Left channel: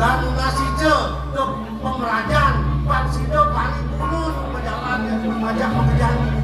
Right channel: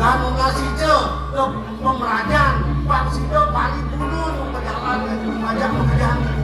lalu nasi je ke pemerajan pak sido paling dulu pejabat pekerjaan main.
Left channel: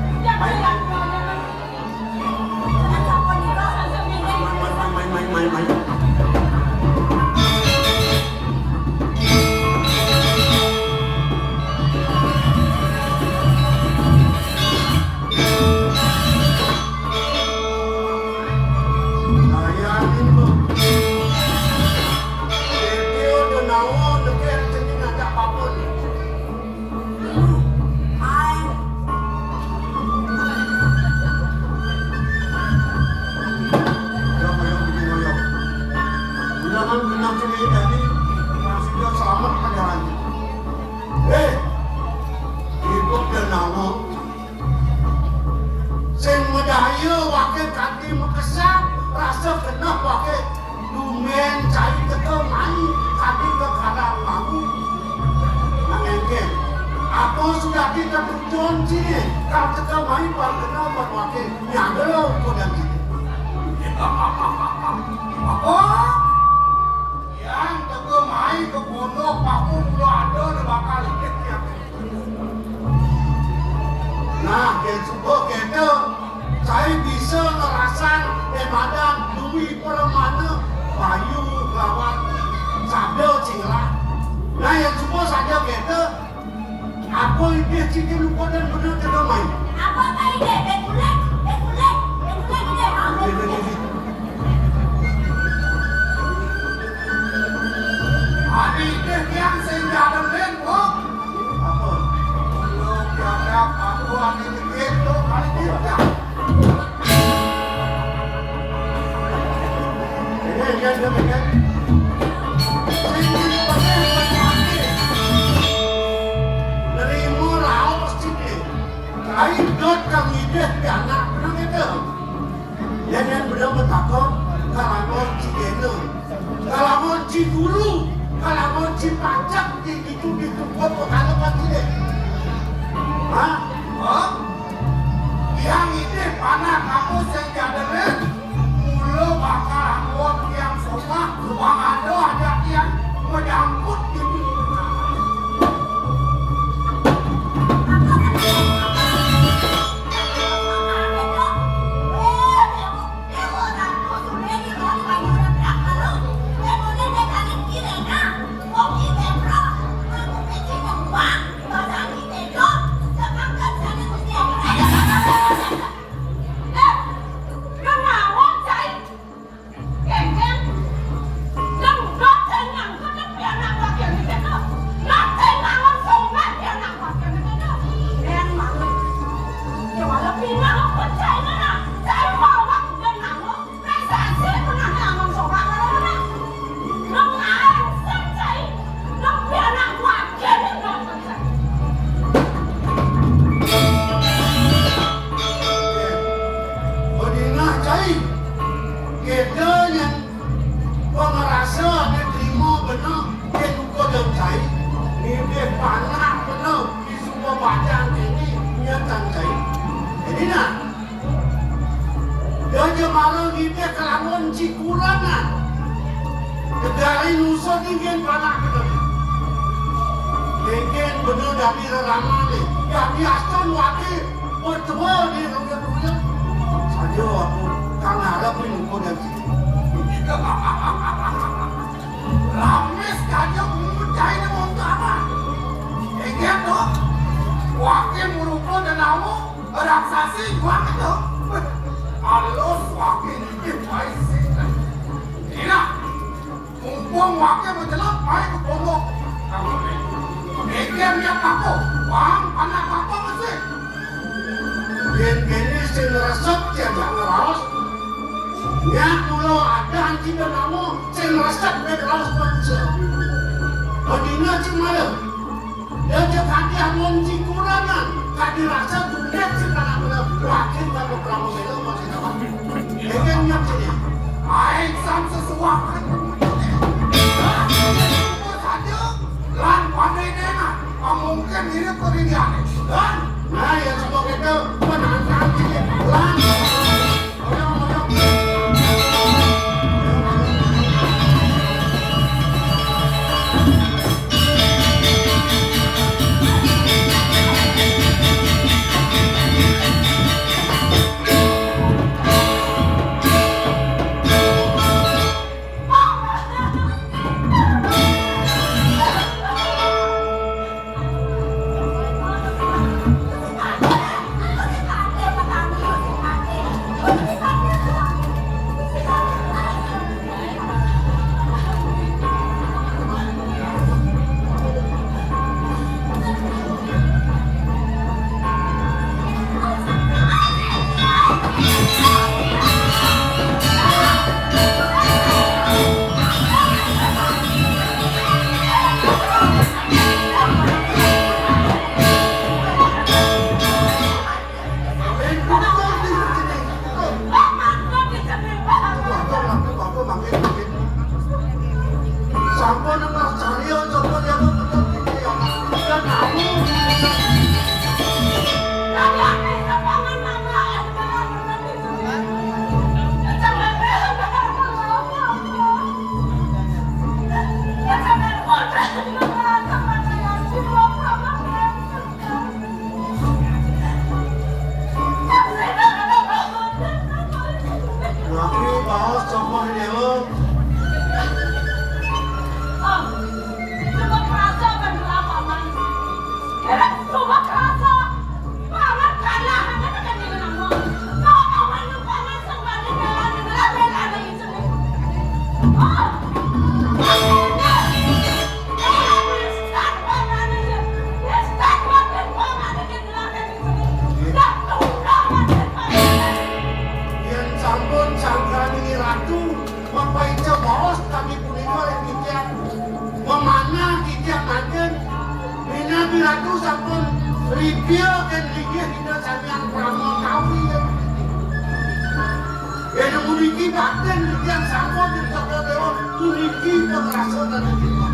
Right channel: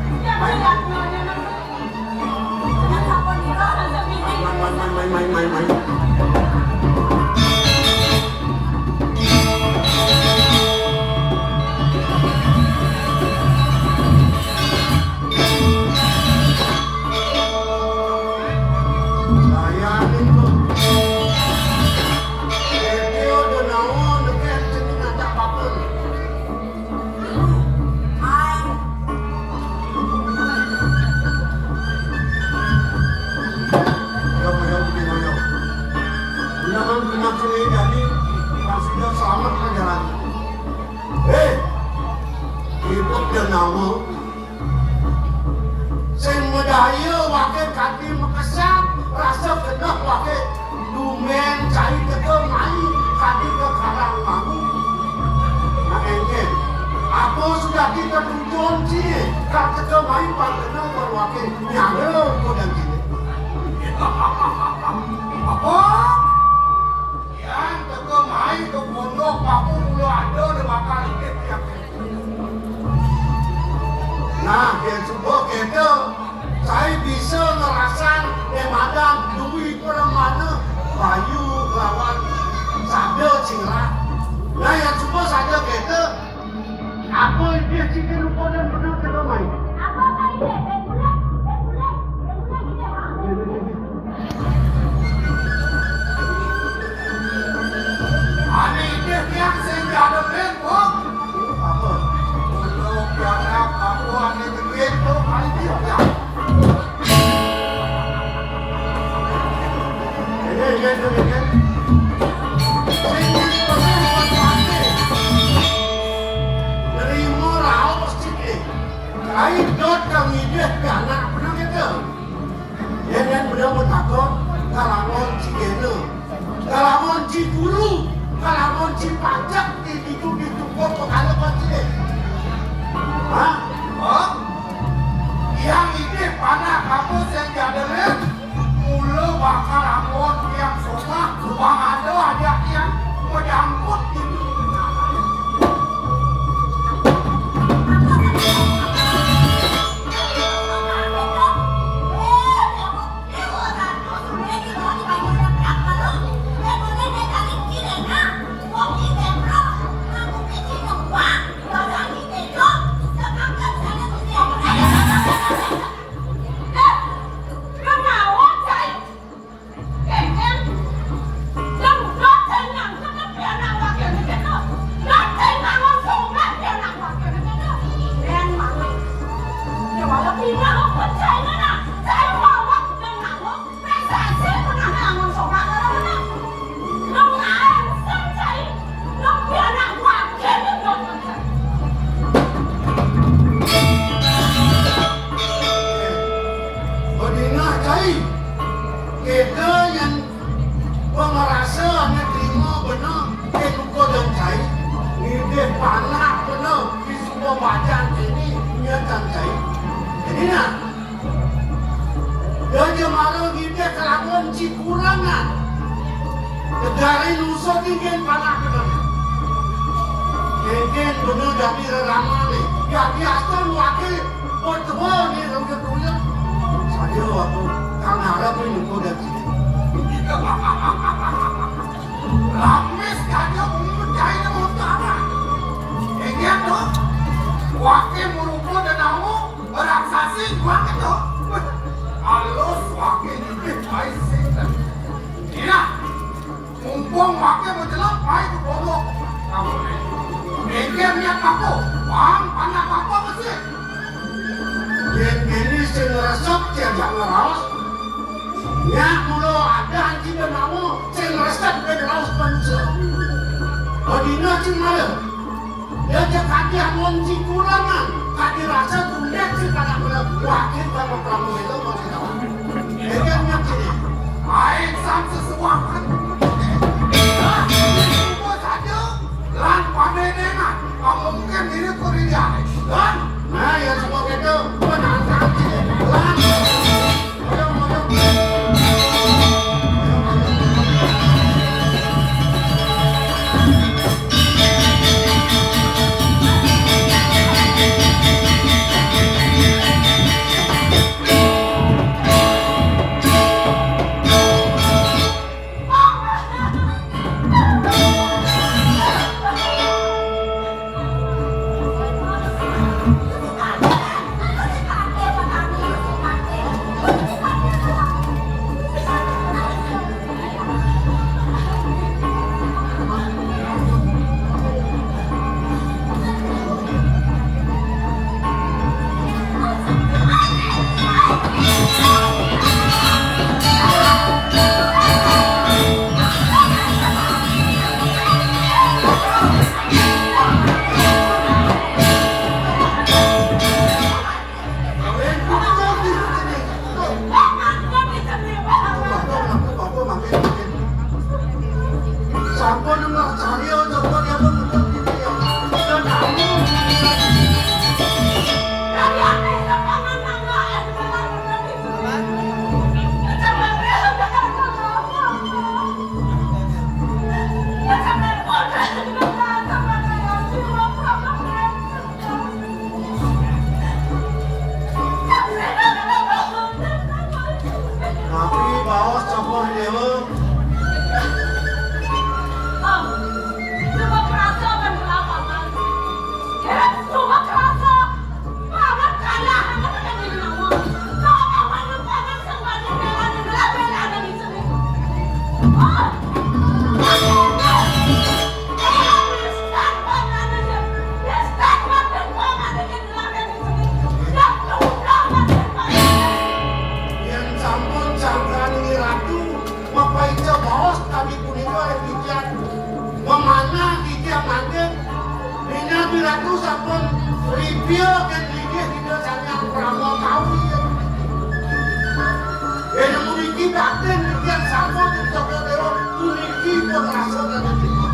batin yang sama di toko dewa tuniki merasa dan diterima.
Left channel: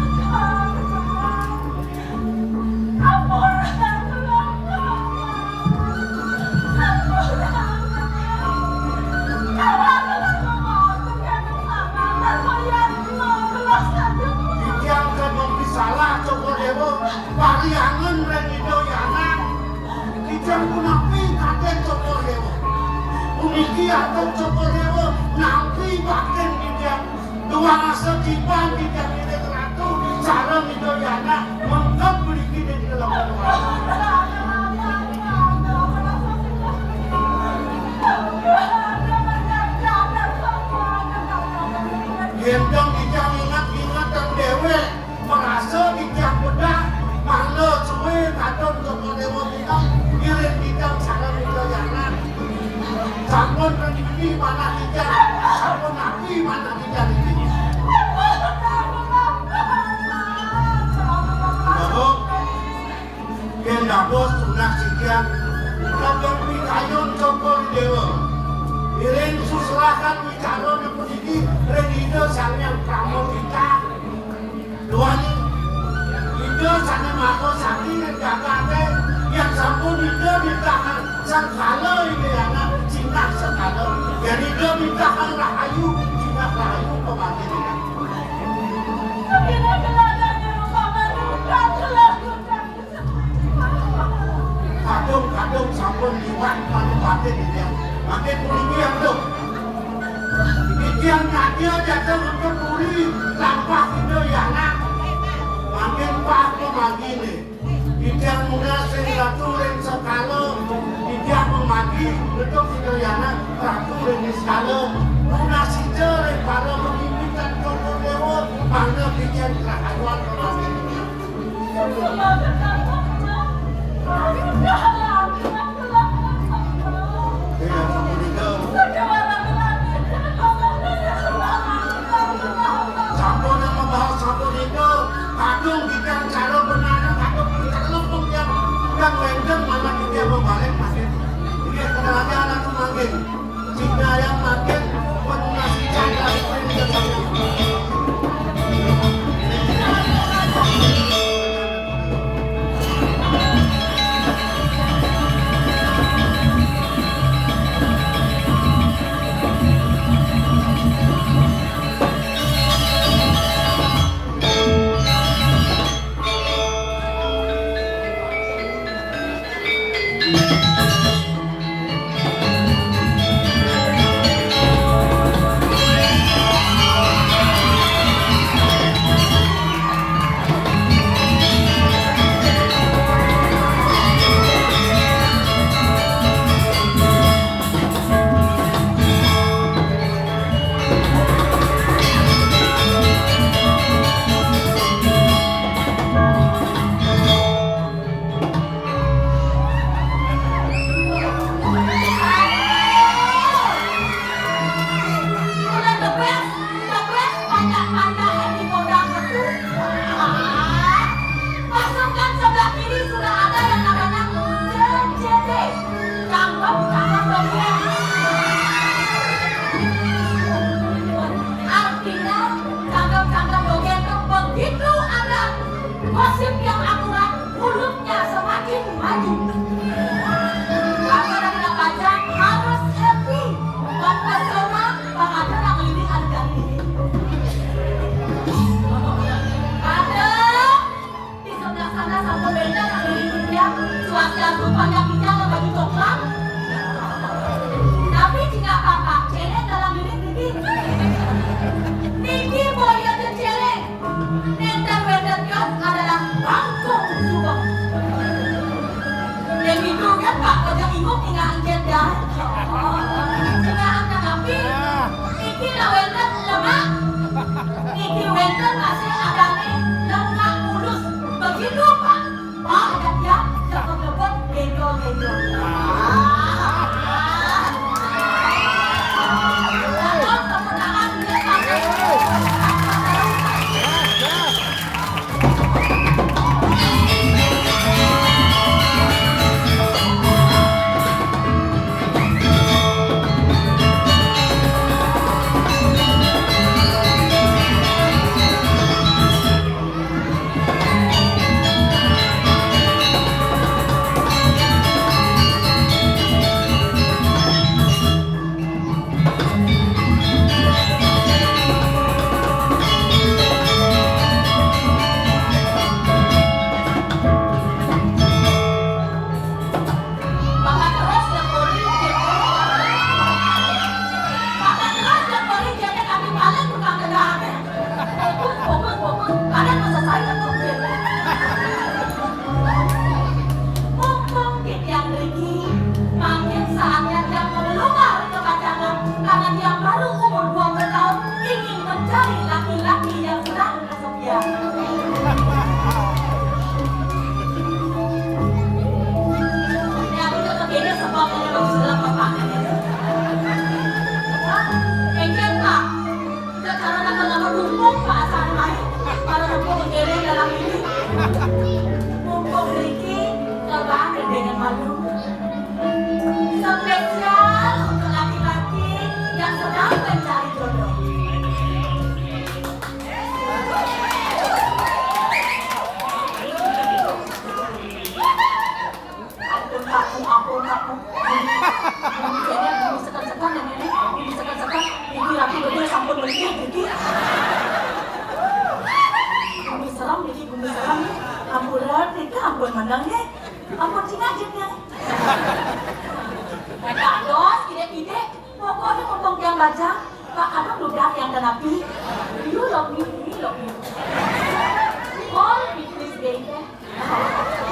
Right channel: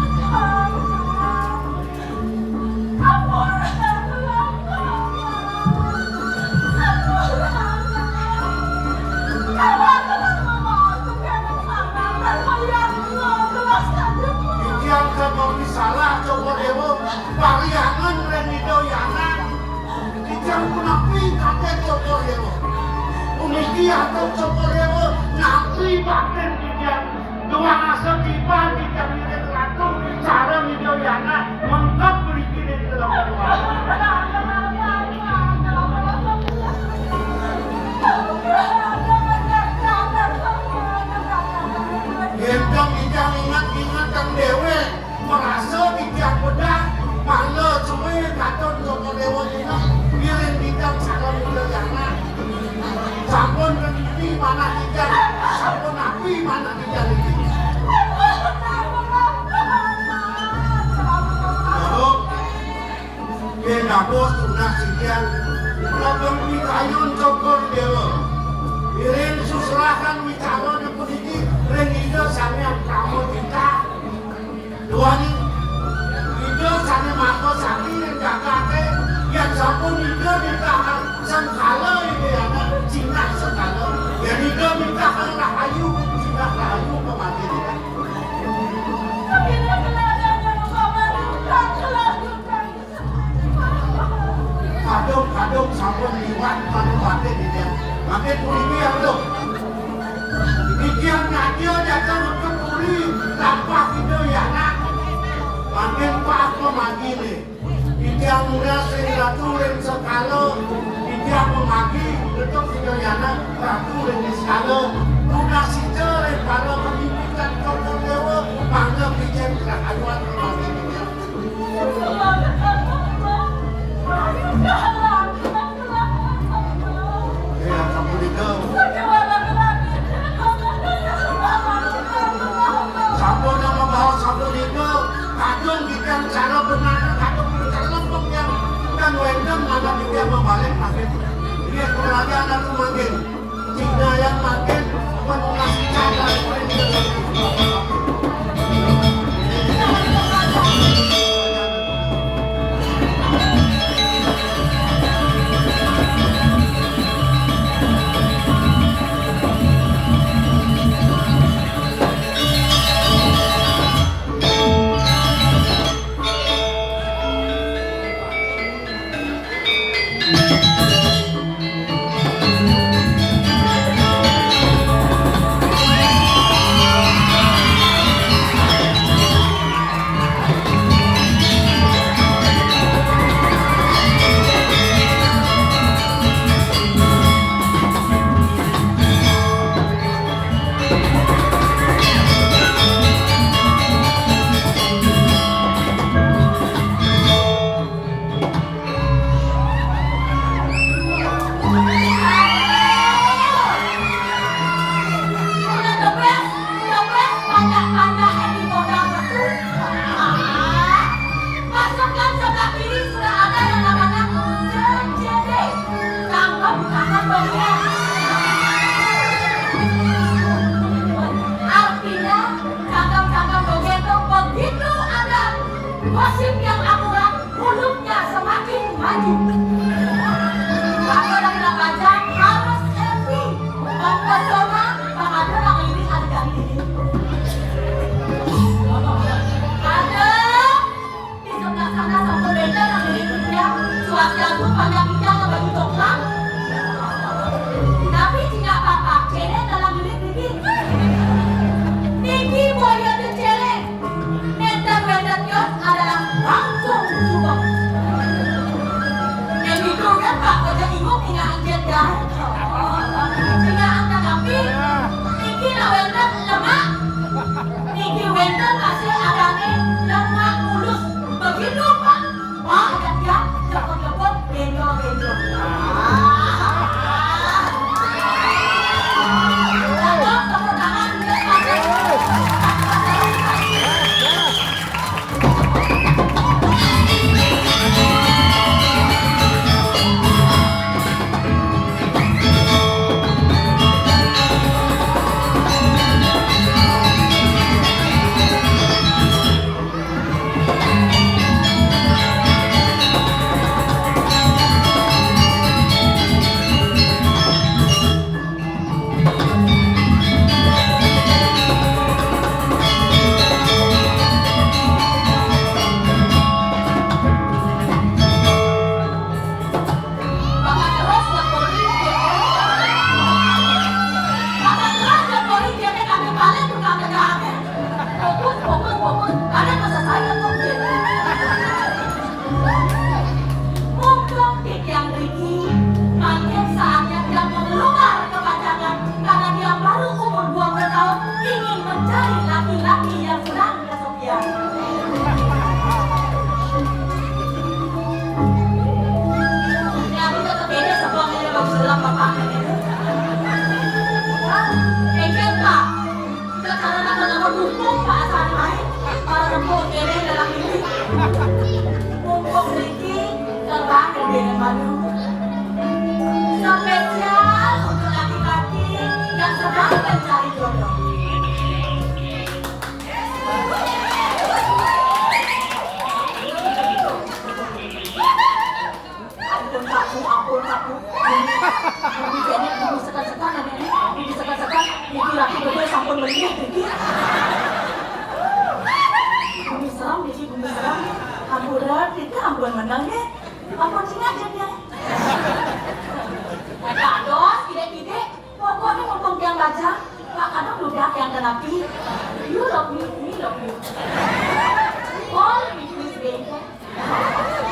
Yang kebagi salah toko dewa pariangan dan hidoyana yang kunapi kaget toko dewa uniki atau toko dewa nanti batin dia dua asal tiba di kabinet ratu cara hidoyana mengkap berikin di dalam gendang dijang ingat-ingat yang dewe merasa dijang bedah mana cuy katon toko dewa kita kirim dijang cara hidoyana sampun ini mana dijang sampun api mana dijang ini gendang bos tunah sikian kadang pitayun toko dewa kirim susrakan wicaro di kuniki rengido sanya pramo kita duani ido sanya mako sakti yang jagate yang sampun ido ditahan sang kalo ini yana cina sekalo yang ido ditahan rahayu cina rahayu pemanggil ini kadung sampun liwat paling dia makin kuniki yang tuh Ikian nadio jatuh untuk puri lampak itu ya nak makin pak memagili ikian muda sehingga sekalo ikian memagi betul itu ya nak raturin di sekalo muda si jere para menginginkan kau dewa bangga bikin keraduan memagilinya cara benar atau berkelopong yang kan wenden mana dia membalik makin dia kemana anak semakin jika yang makin mengasih cara gosip yang akurat, mulutnya semakin maju. Kabar yang baca harus happy, mempesona, bahkan yang ini harga ini. Ada di sebelah sana satu benda yang milik dia, cuaca itu banyak bicara bagi dokter. Tapi jika apa, cene dalam milik Niki. Niki boya dan cene. Nenter wender kios adalah bangkong juga. ngomong yang baca, Pak anak udah yang terapi. You love me, we love you. All please baby.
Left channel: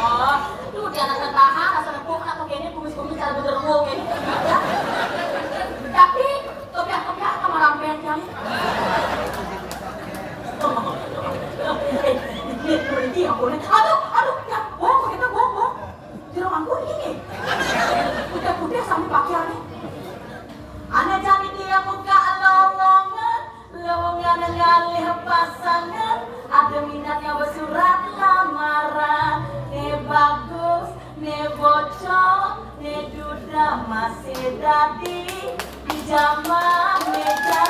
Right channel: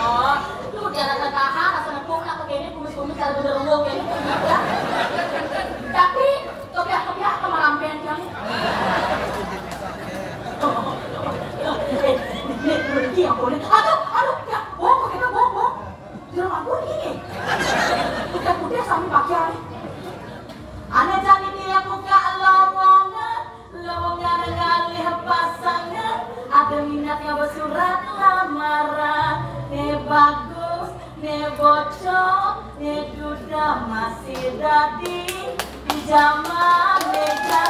Oh, lu dia anak tahan, asal aku nak kayaknya kumis-kumis cara berderung ini. Tapi, kopiah kemarampian yang. Berhenti aku nih. Aduh, ya, bohong kita bohong. Di rumah gue ini. Putih-putih sampai pakaian nih. Ane jadi dia buka lowongan ngalih pasangan. Ada minatnya bersurat lamaran. Ne bagus, ne bocor, ne duda masih dadi di zaman meja.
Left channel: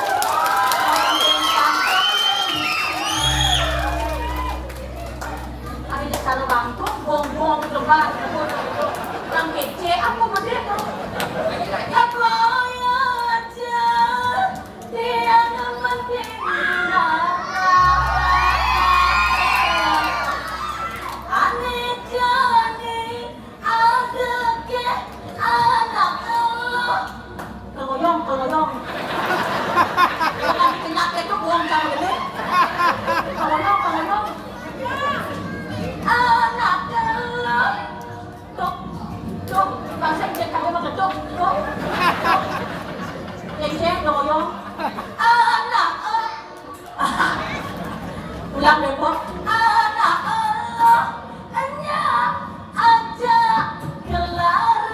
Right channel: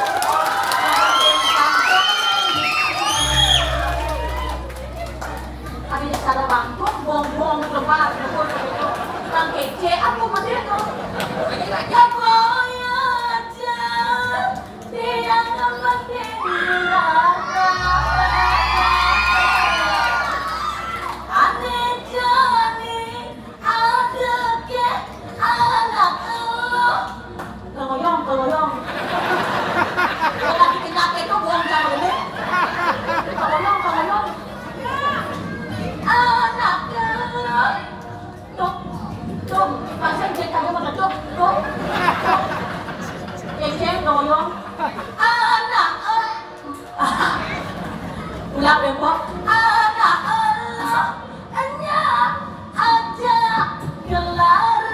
Ada cara bangkok, bong-bong lebar, yang kece, aku mesti itu. Ulang deh, Pok. Anak Allah, hanya aja gelaran.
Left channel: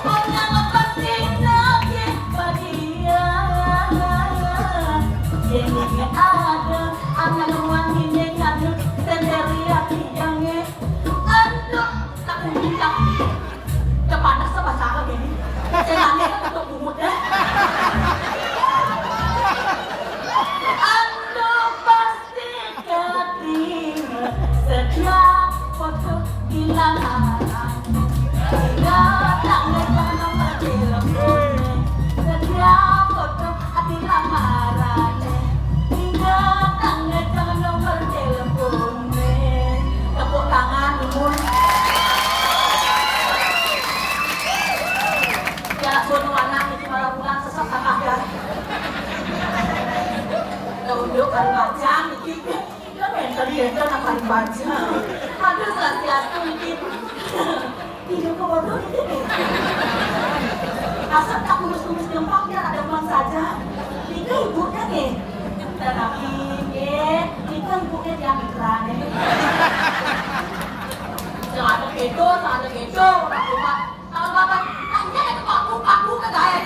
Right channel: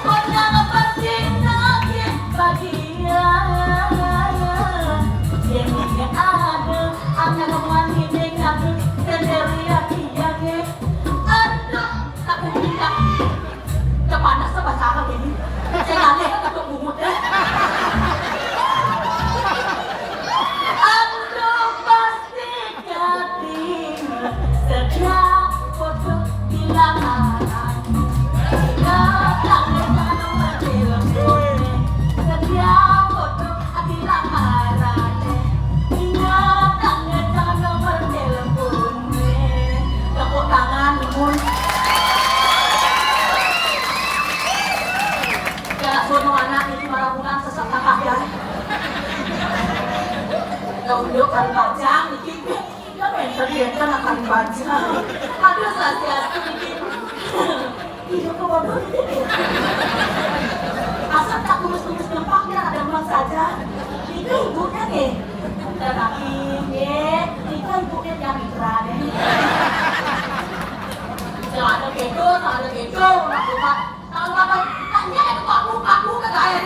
Pernah pasti lagi bagian. Yang mungkin ada, anak rumah ini ngadu sendiri yang aduh, tak bisa. Kepanas sama cara gini. Saya aneh takut bumut deh. Aduh, sasiasku ini. Hidup bodoh ini. Asal tak kumis-kumis gampang, biar ada uang saja. Itu ibunya nih. Tetapi, itu ibunya yang mitra nih. Ada gitu. Kalau makan, hanya ada paku ke saya.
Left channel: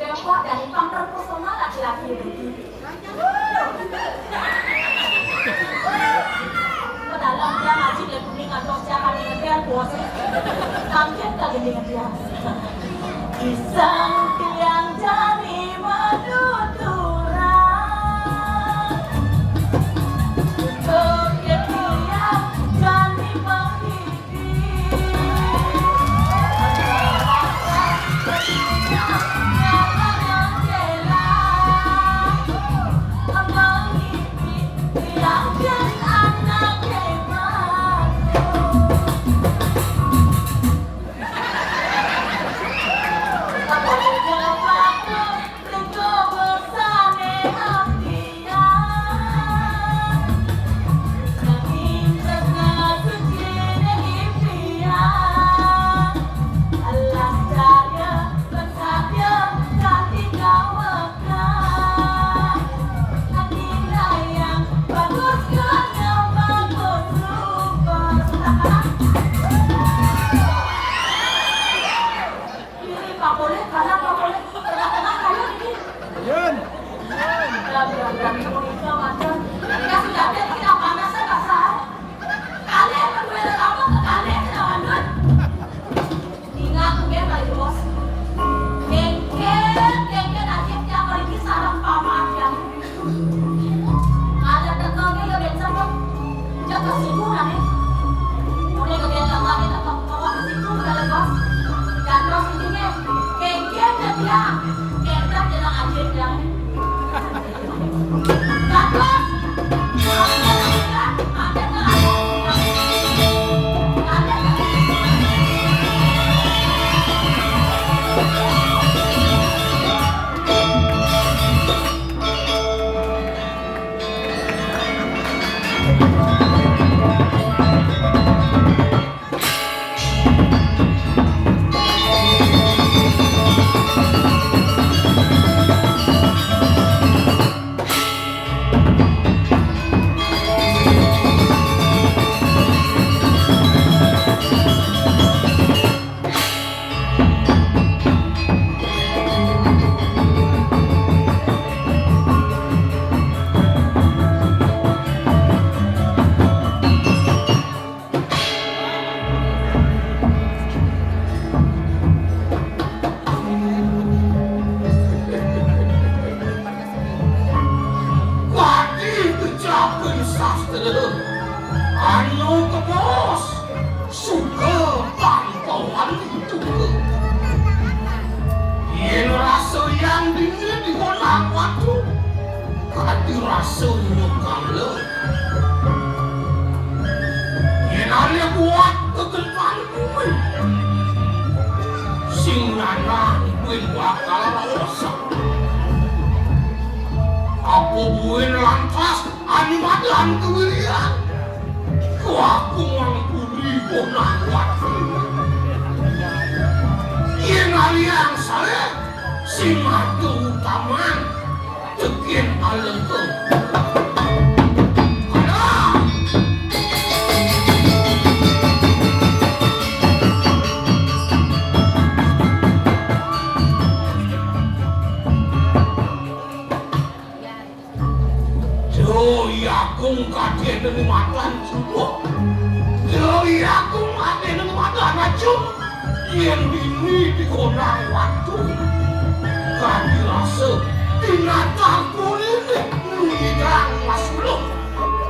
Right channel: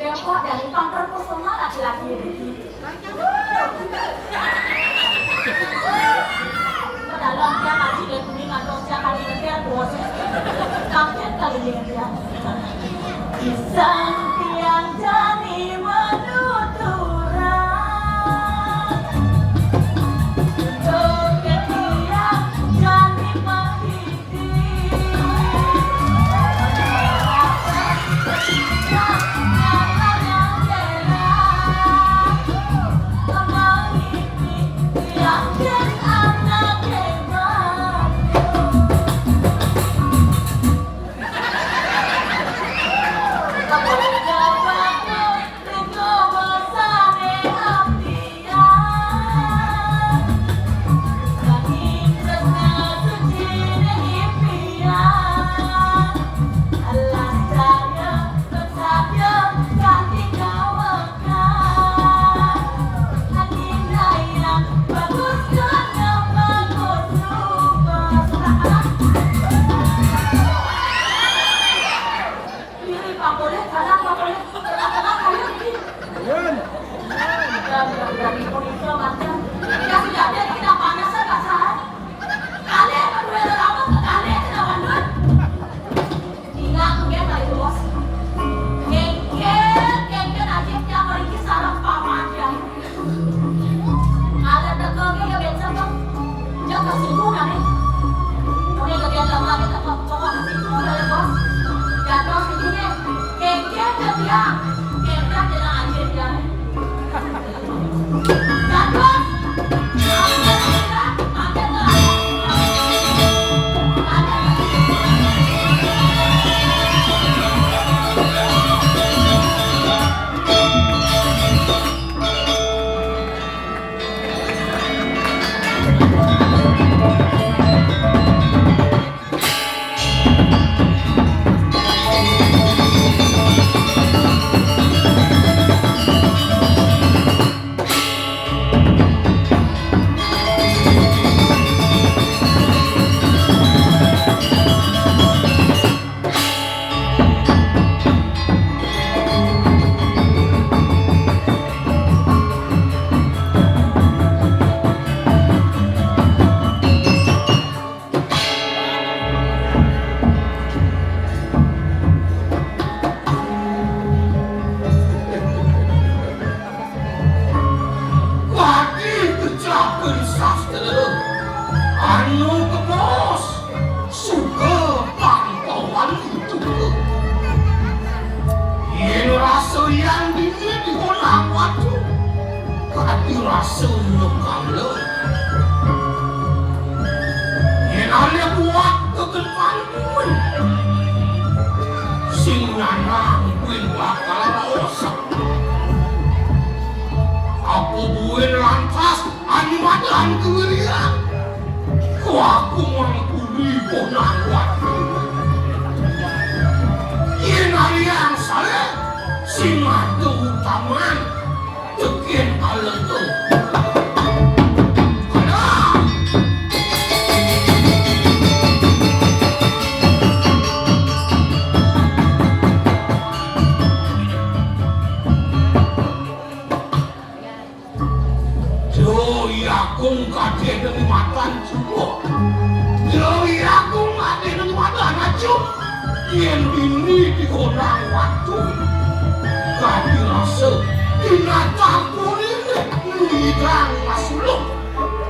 Depok dari pangker personal laki-laki ini. Dalam dia ngaji dan kuningan dong siapa di negara bos. Kaget kali dengan dia. Kisah tiang jadi menuturan. Joget tiang jadi menghidih. Tuhan kewirian aku mengampuni konang waktu yang alian saya simatu utaman tekin alentu Kung kade dari matan semua, jadi aku kade dari matan aja, yang ini dikorang waktu, kami rasa binatang ini lidang masuk,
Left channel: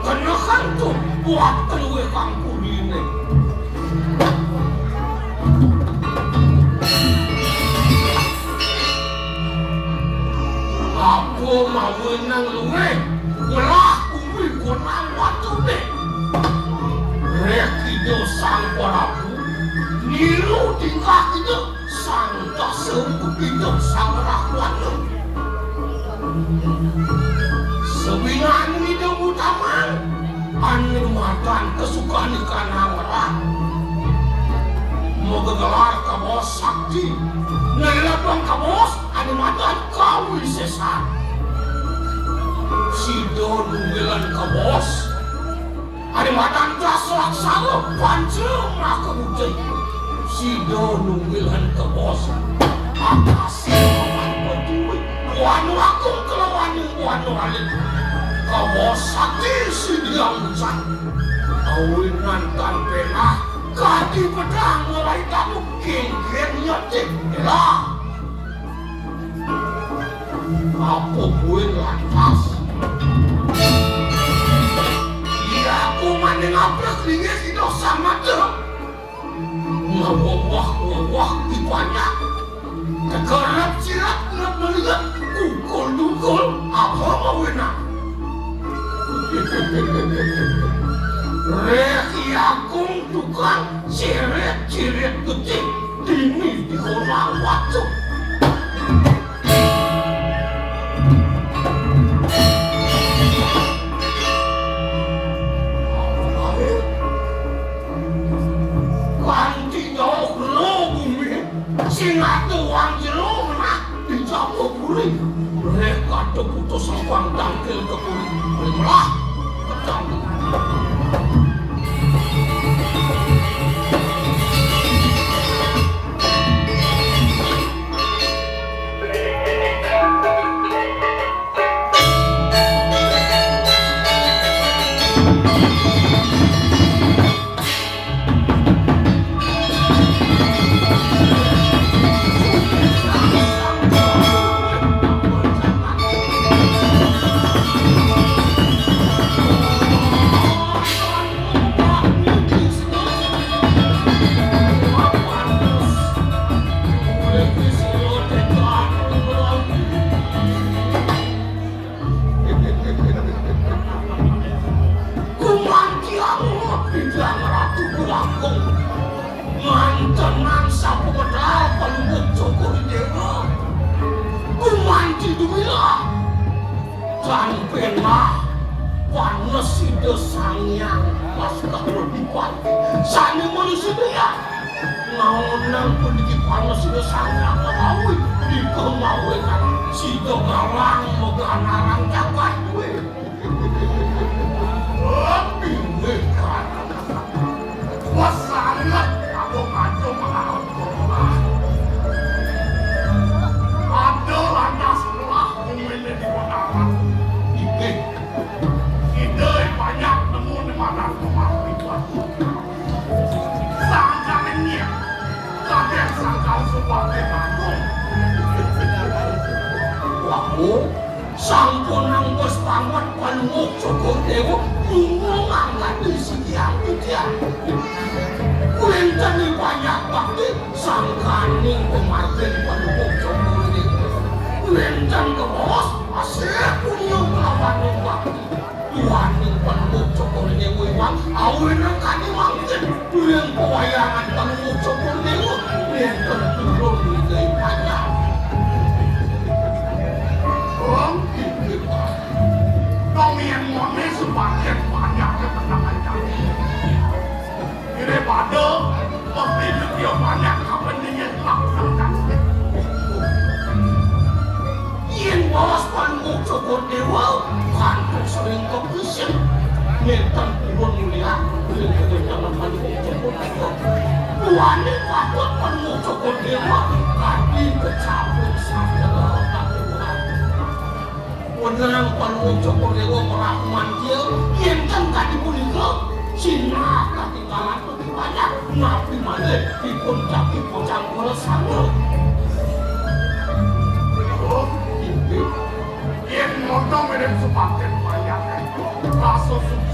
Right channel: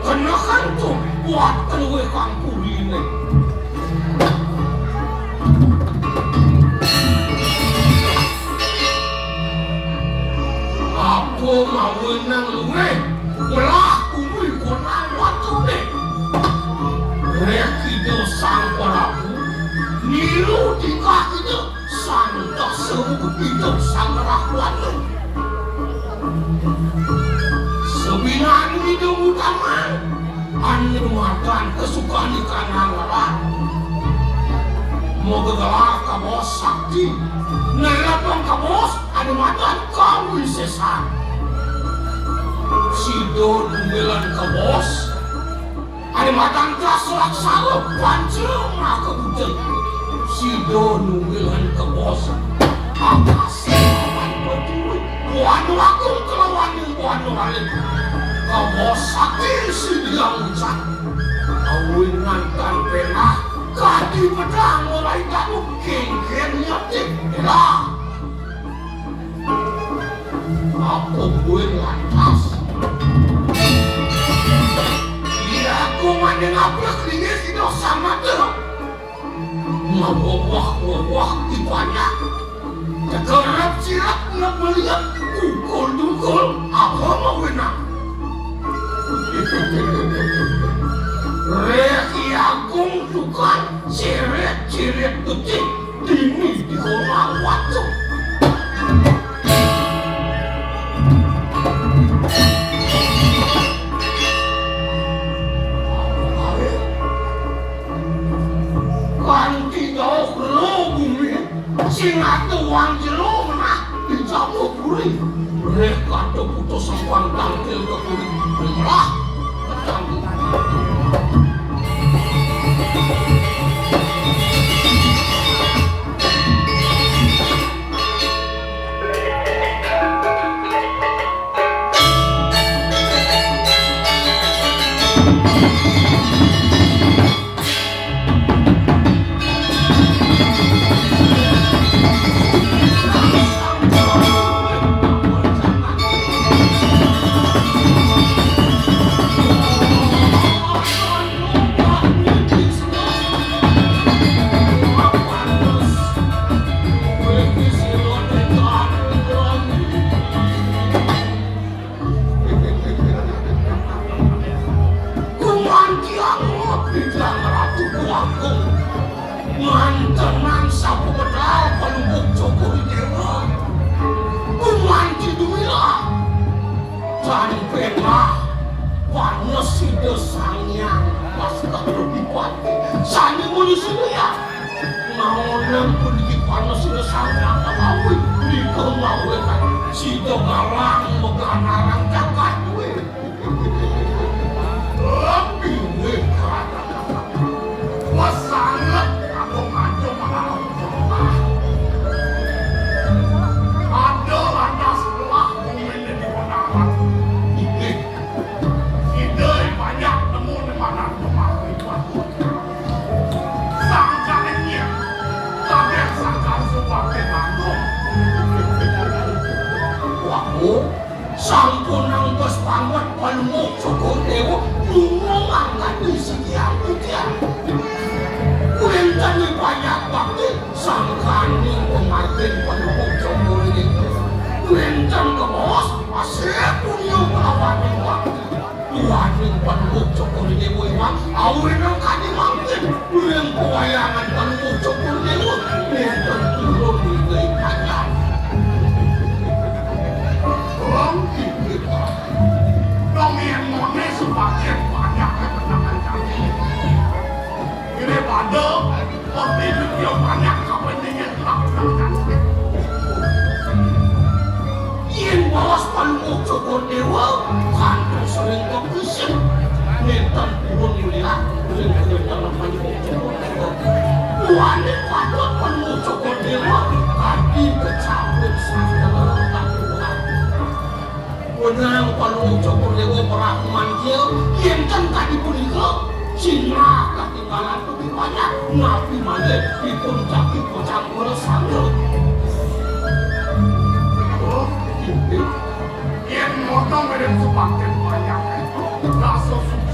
karena kan tuh buat keluar kampung ini. Aku mau inang luwe, ngelah konang waktu deh reki do sang panapu niru tingkah itu sang tak sembuh hidup sang rakwatu sebinang hidup utama animatan kesukaan ikan anggaran mau gelar kabos sakti nelapang kabos animatan kamu sesat Sido nunggilan ke bos ada matang terasuak salep pancung nak kebujai Sido nunggilan ke bos apa sih aman berduri buanu aku kelawan yang buanu halim ke bos sakti si dia ucap awinan tanpenah kaki pedang mulai kamu geng-geng nyetik lah aku gue lantas Kumandang apres ini si dosa mata ngawah di banyak kegarap sirat nak melihat kukul apa mau enak reki agung tukang ciret ketik dini di kolam waktu Singat uang jeruk nak dicampur kuring mereka terputus sangkuan tangkil ke kuring belah tertangkil Dong yang sepaket Yentan pun mulia dengan dalam panjang Joko Dewa. Tuane patut penuh Joko Dewa kaki kecabut sama Tuhan. Benar penuh Joko Dewa merahman dia yentan tadi pun itu Cina ketinggalan itu banyak nabi malik di puncak di pojang bola sambut. Oh, itu yang ngomong mereka sepakat banyak masuk semua.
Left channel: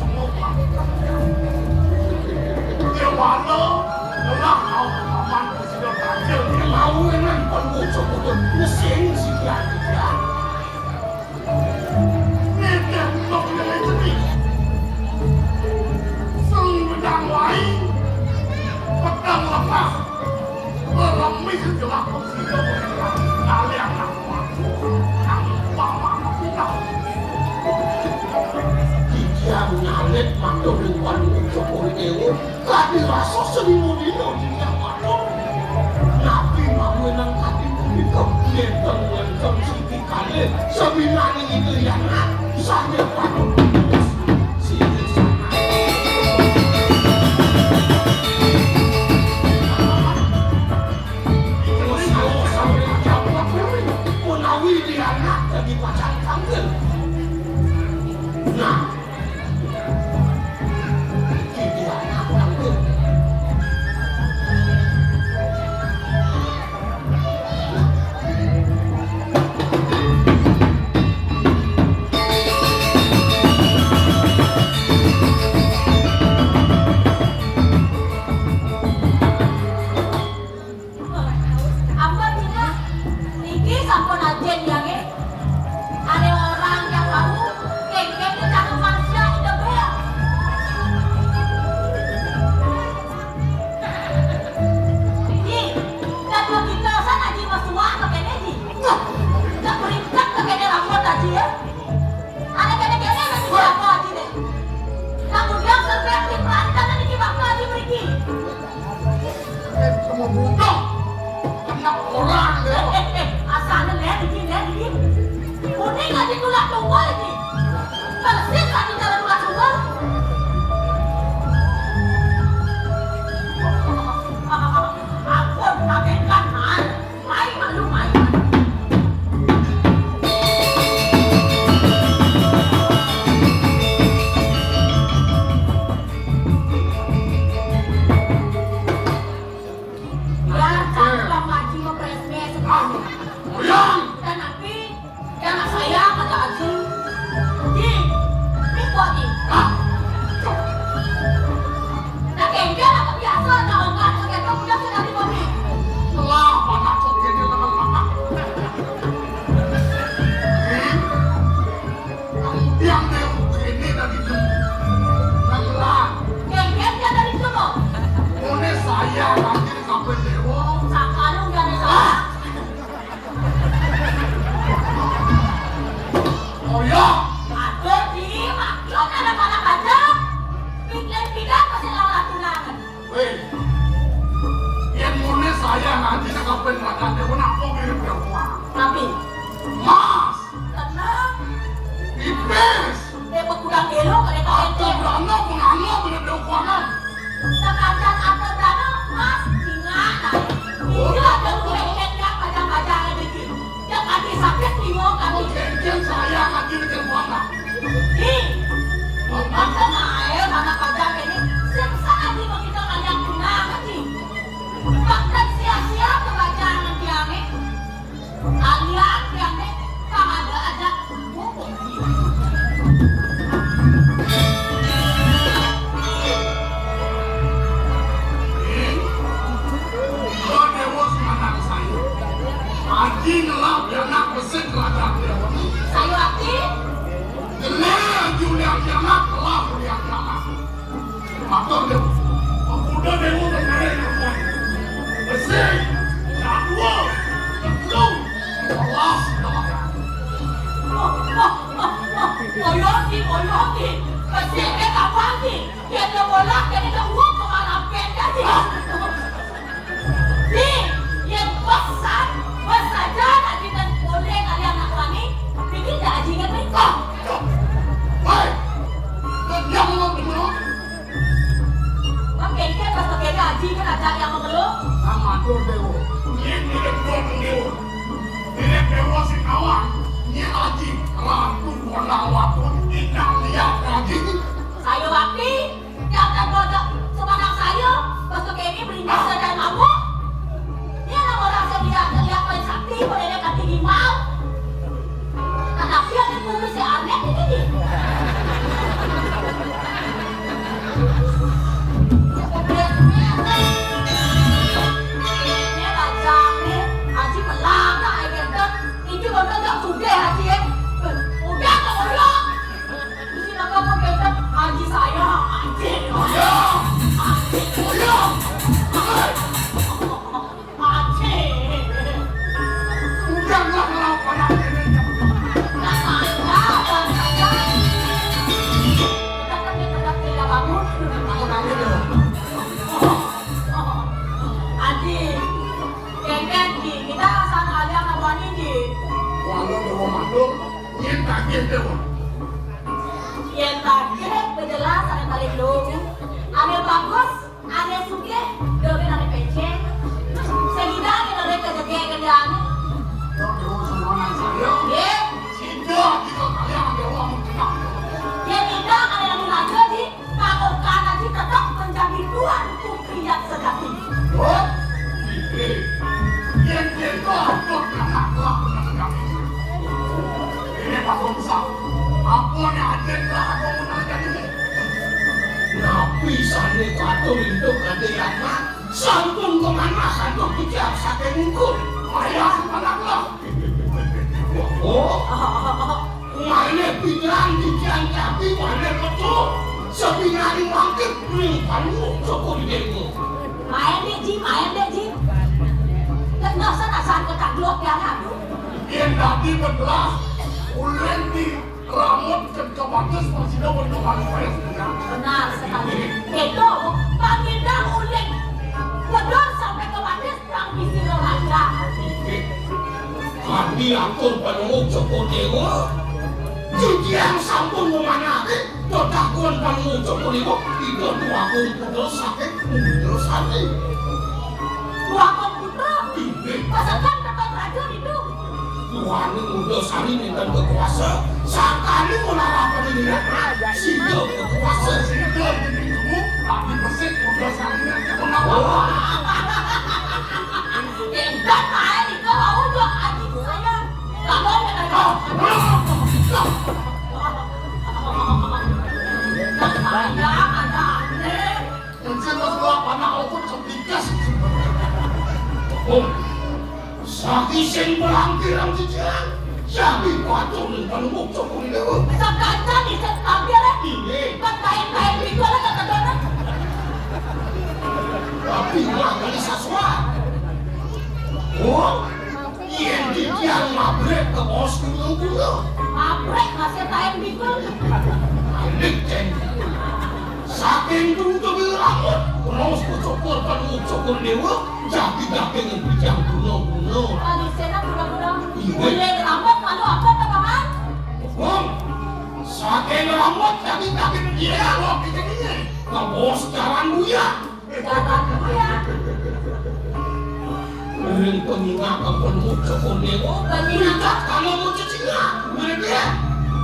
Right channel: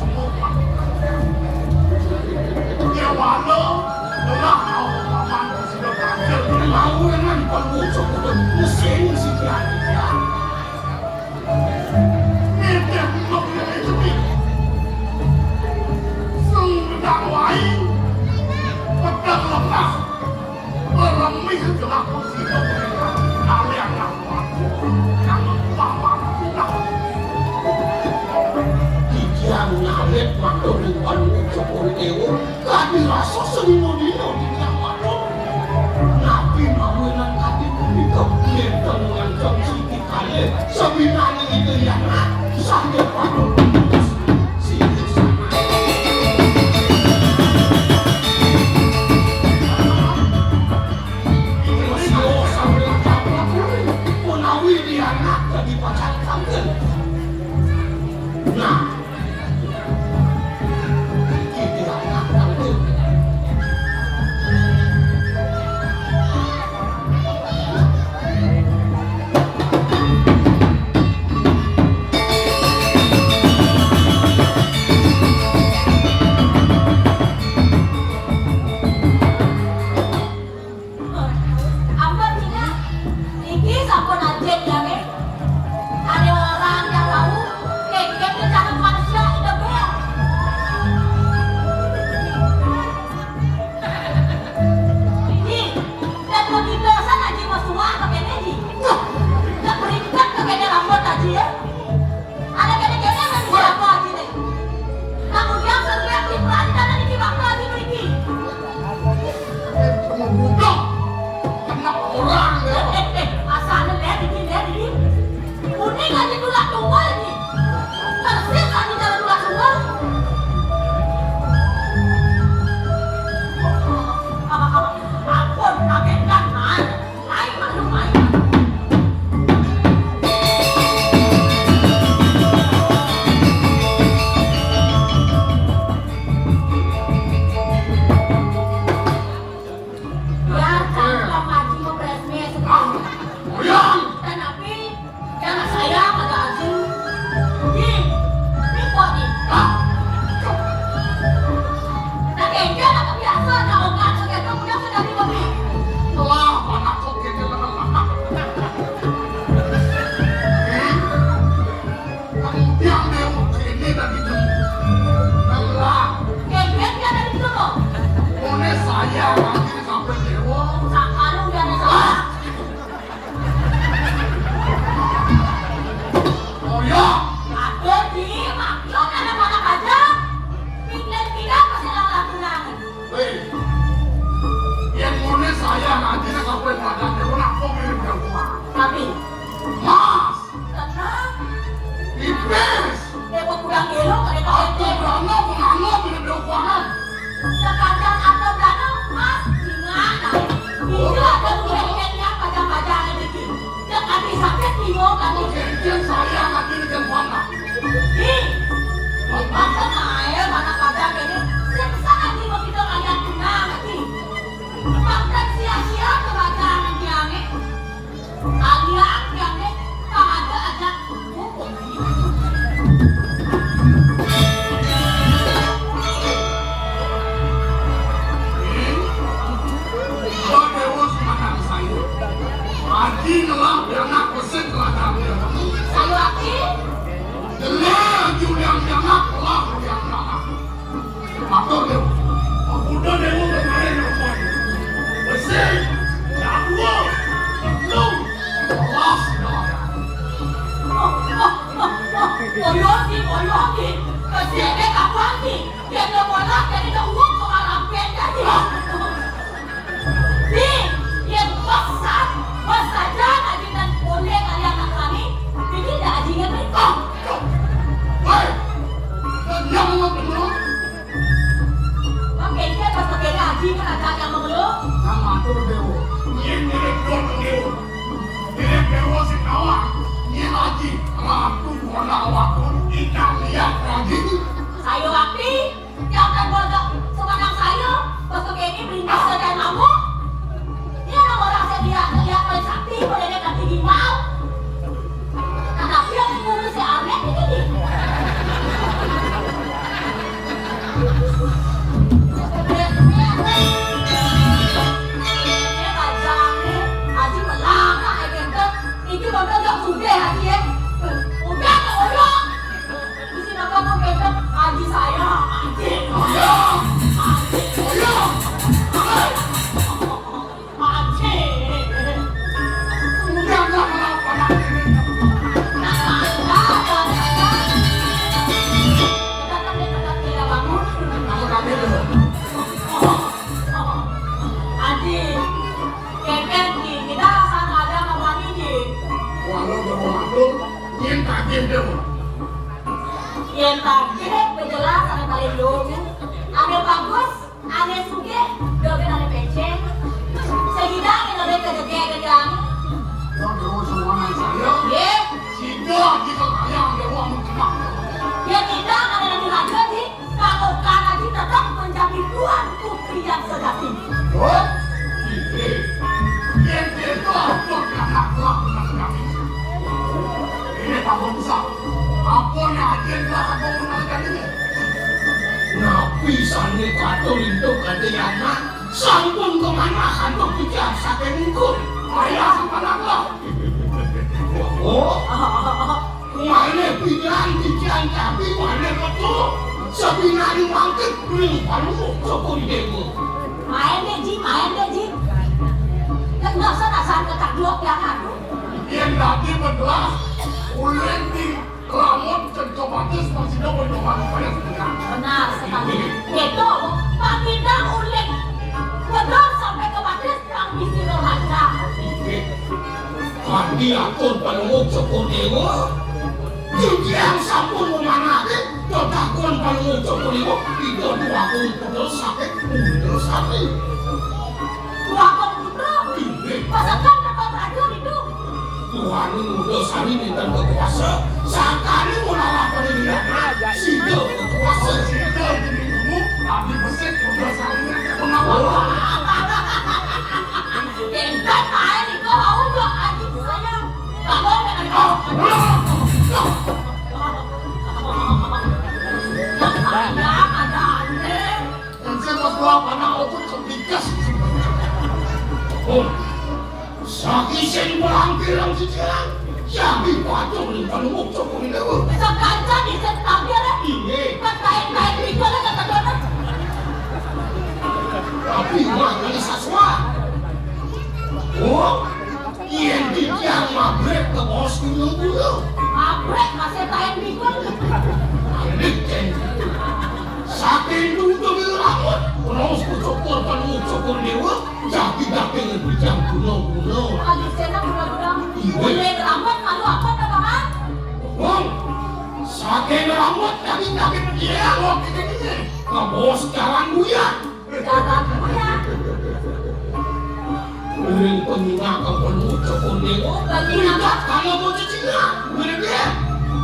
Ya walau orang awam sudah berakhir lawanan penuh Joko mesin sekian dia. Ini belum lebih. Sengdang lain, pedang lemah, beremih jelas kursi pemerintah. Kalian lakukan yang lama tidak. Kikian nyawet mandoriwan Jokowi Dewa, tadi rasa selimutnya tidak makhluk. Nabi mawenang tadi memikap dan mengancam siti kalian. Sebenarnya itu yang saya pada menulis. Haji kan ada yang mengeluh. Sama atur dewo. Yen direk dono dewo. Direk dewo sing awak. Ni haji aku ora awakun tidak lihat haji. Sayo wakti, yang tak bodoh semanang sayo, bentuk ini berindah sedang kamu. Dia orang saya lihat oleh sakti, boleh dia kata mau. Anak dia ngurus si aneh ini. Yang tadi penjelas ada paling lucu, ada bagus, ada suge, dogen ada pece, segidang yang ada kerja-kerjaan. Ye, dia minta ada yang dilanjut di kalau karena kita tetap menjadi tuan putri yang sejati. Ini kamu besar. Apa yang agenda aku menangkan ini? Nabi sani katul itu ketiaknya sampun kemanasan untuk bicara sampai ngikut ayah semangatlah. Oh, mana pikiran bicara tapi mana ketul sepinari mangkit ringkalu cokol dewa. Main deh Ji. Nggak usah nasan ketakluak yang ada. Yang tadi bergelas ulen di rambut dan kebatas masih dapat kebatas. Benar sekali. Itu baginda ulik. Benar sampai ke batas yang isi raja. Kami atur panengok Joko Dewa. Jadi yang sampun memanake tetakuan panengok Joko Dewa itu duakun pudel sakit. Duakun pudel? Pasakan dapat raja itu. Tuhan udah sani dengan berkuasa. Saat kali melakukan ini, Sido berkuasa. Sido ini kamu, tapi mesin udah sani dengan berkuasa. Enggak main itu mau dua adik saya. Kamu dengan kau. Saya ada aneh. Dan saya dua anak aku cerdikas. Oh. Saki sing melangkirang cijiran, sabi patung tentang mukjok ini dewa. Sekancan di setabnya deh. Iya. Kain-kain itu ada kata-kata. Tapi orang ini saswa. Oh, yang dikian mabrek ke bos gunung-gunung. Mabrek masih kain bikul. Anik kan. Saking dulu rambut, terus kucokor dan mukjok ini dewa. Jadi daping bijang gunung-gunung. Lagi sana budak-budak. Boleh rambut kalau apa teman-teman? Bang, saking rambut tapi dia loh gini. Kabos jalan buya. Jalan buya. Uring pengingat penuh cokol dewa. Pengingat kalau mau cicinya. Uring dia.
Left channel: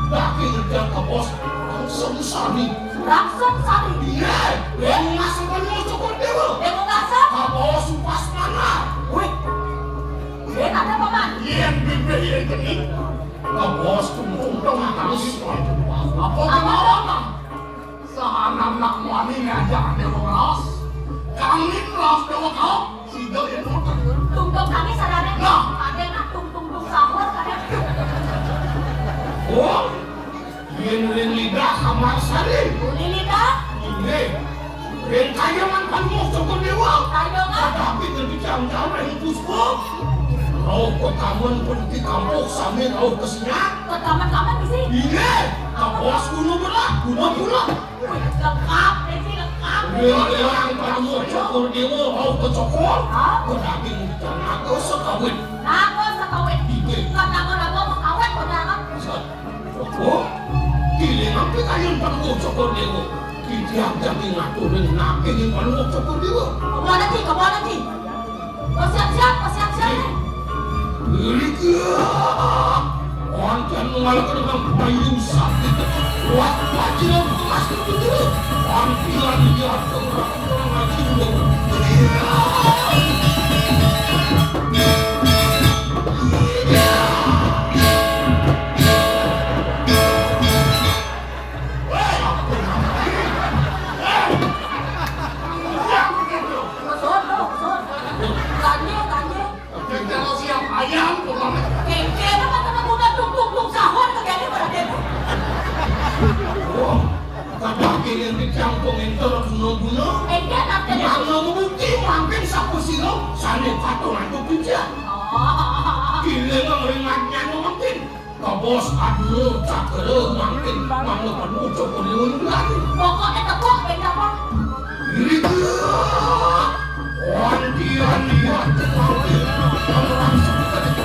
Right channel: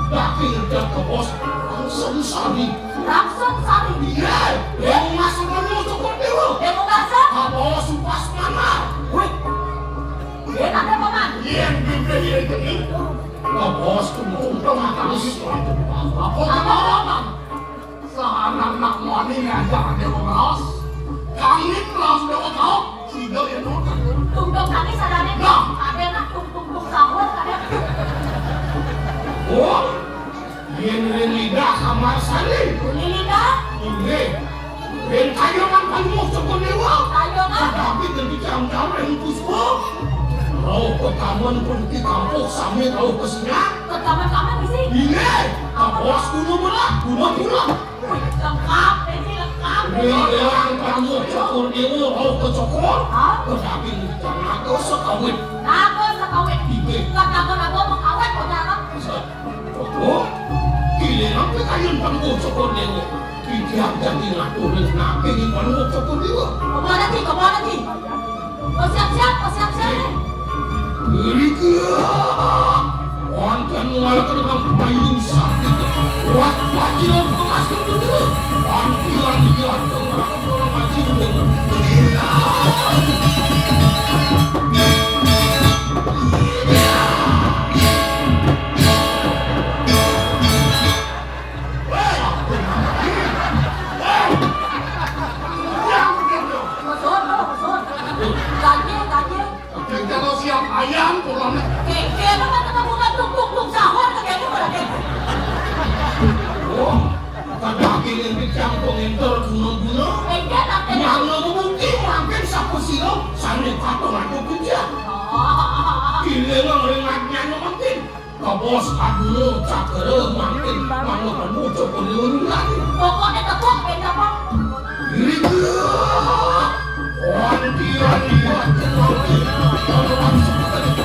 Daping dan kabos langsung sari. langsung sari. Iya, yang masuk penuh cokol dewa. Yang mau masak? Kabos pas mana? Dia ada paman. Yang diberi ini. Kabos kumpul terus. Apa apa? Anak-anak mani ngajak dewa kelas. Kami kelas dewa kau. Tidak itu. Tungtung kami sadari. Ada nak tungtung sahur ada. Oh, yang lidah kamar sali. Lidah. Ini, yang kayangan palmok cokol dewa. Kayangan. Tapi kebicaraan yang puspo. Kau pertamuan pergi kampung sambil kau kesini. Pertama-tama di sini. Ini, kabos gunung belah. Lengkap, Desi lengkap. Ini yang palmok cokol dewa kau ke cokol. Tetapi jangan kau sekawin. Aku sekawin. Kata apa mau kawin kau jangan. Oh, kini nanti kalian palmok cokol dewa. Tidak jadi ngaturin nabi di mana cukup dia. Kau nanti. Kau siap-siap. Ini dia. Orang yang mengalahkan dengan payung sakit. Waktu dia mengasih dia. Panggilan dia orang jiwa. Kalau siap ayam, pulang. Oh, daging yang dicampur itu guna-guna. Mana bukti makin siapa sih lo? Sambil patung aku kerja. Gila orang maknya makin. Kau bos aku cakera makin. Mana kamu coba lagi. Pokoknya tepuk, beda. Ini dia. Orang dia lihat orang seperti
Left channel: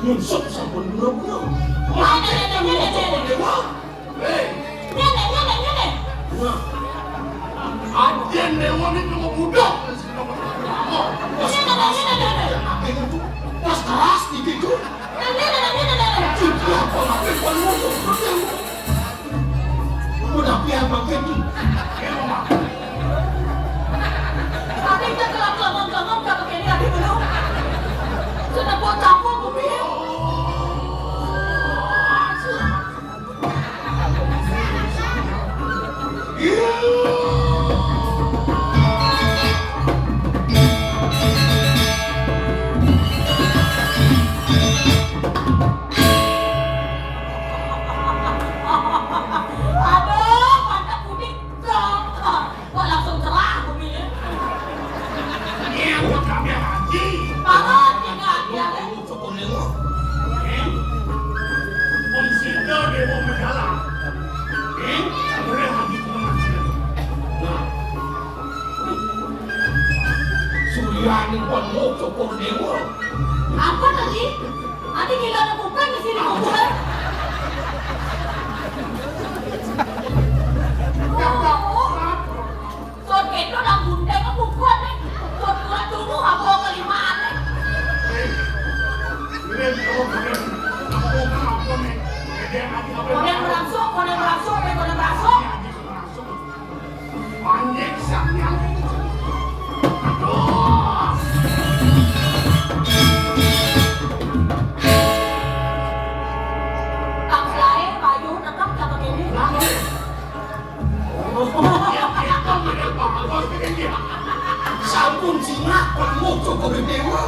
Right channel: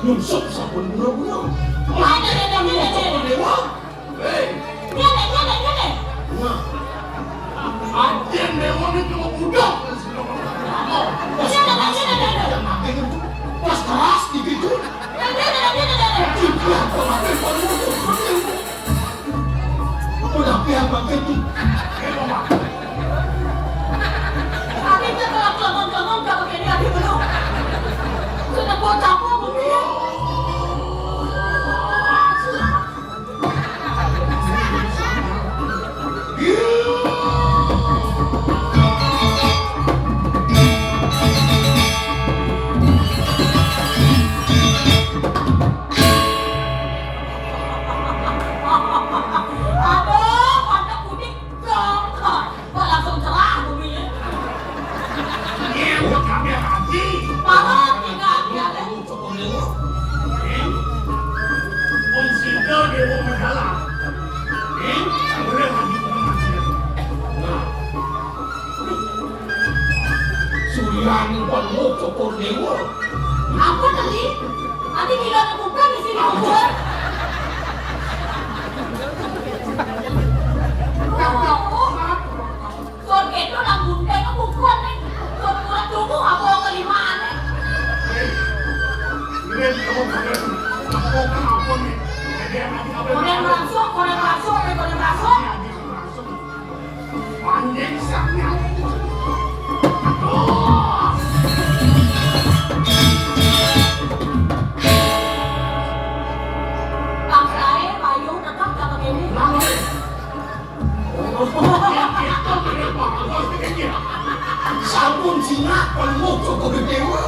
nyusuk sabun burung-burung. Aden dewa itu budak. Pas keras gitu. Udah biar makin tuh. Apa tadi? Nanti kita bukan di sini kuburan. Son itu nak bunda itu bukan nih. Son kurang dulu aku kelimaan nih. Ini kamu bener. Aku nih. Kodeng langsung. Panjang saknya. Sampun jinak penuh coba dewa.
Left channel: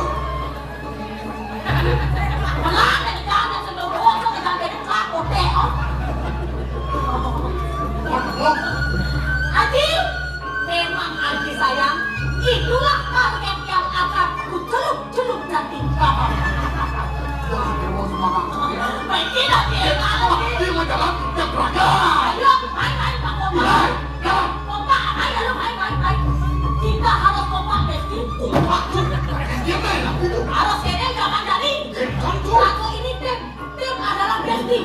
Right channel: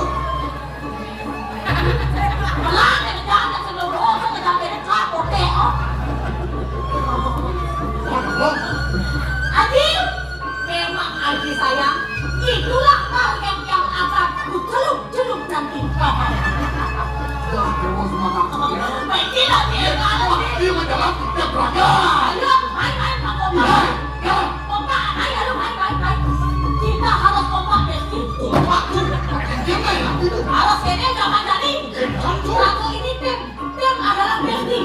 Memang Aji sayang, itulah target yang akan kucelup nanti. Tidak dia kalau Ini dalam keberada. ayo main kompak, ayo main. Kita harus kompak Besti. Harus ini jangan jadi. Aku ini tim adalah Besti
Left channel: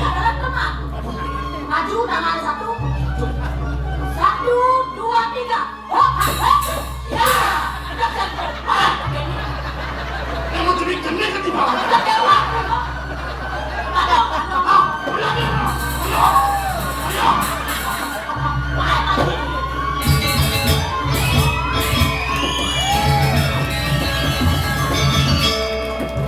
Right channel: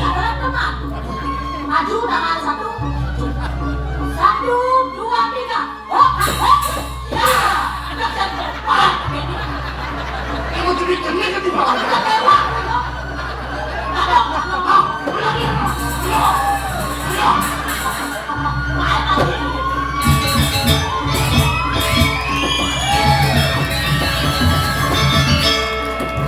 adalah teman. Maju tangan 1, 2, 3. Ya, ada tempat. Kamu jadi kening di bawah. Aduh.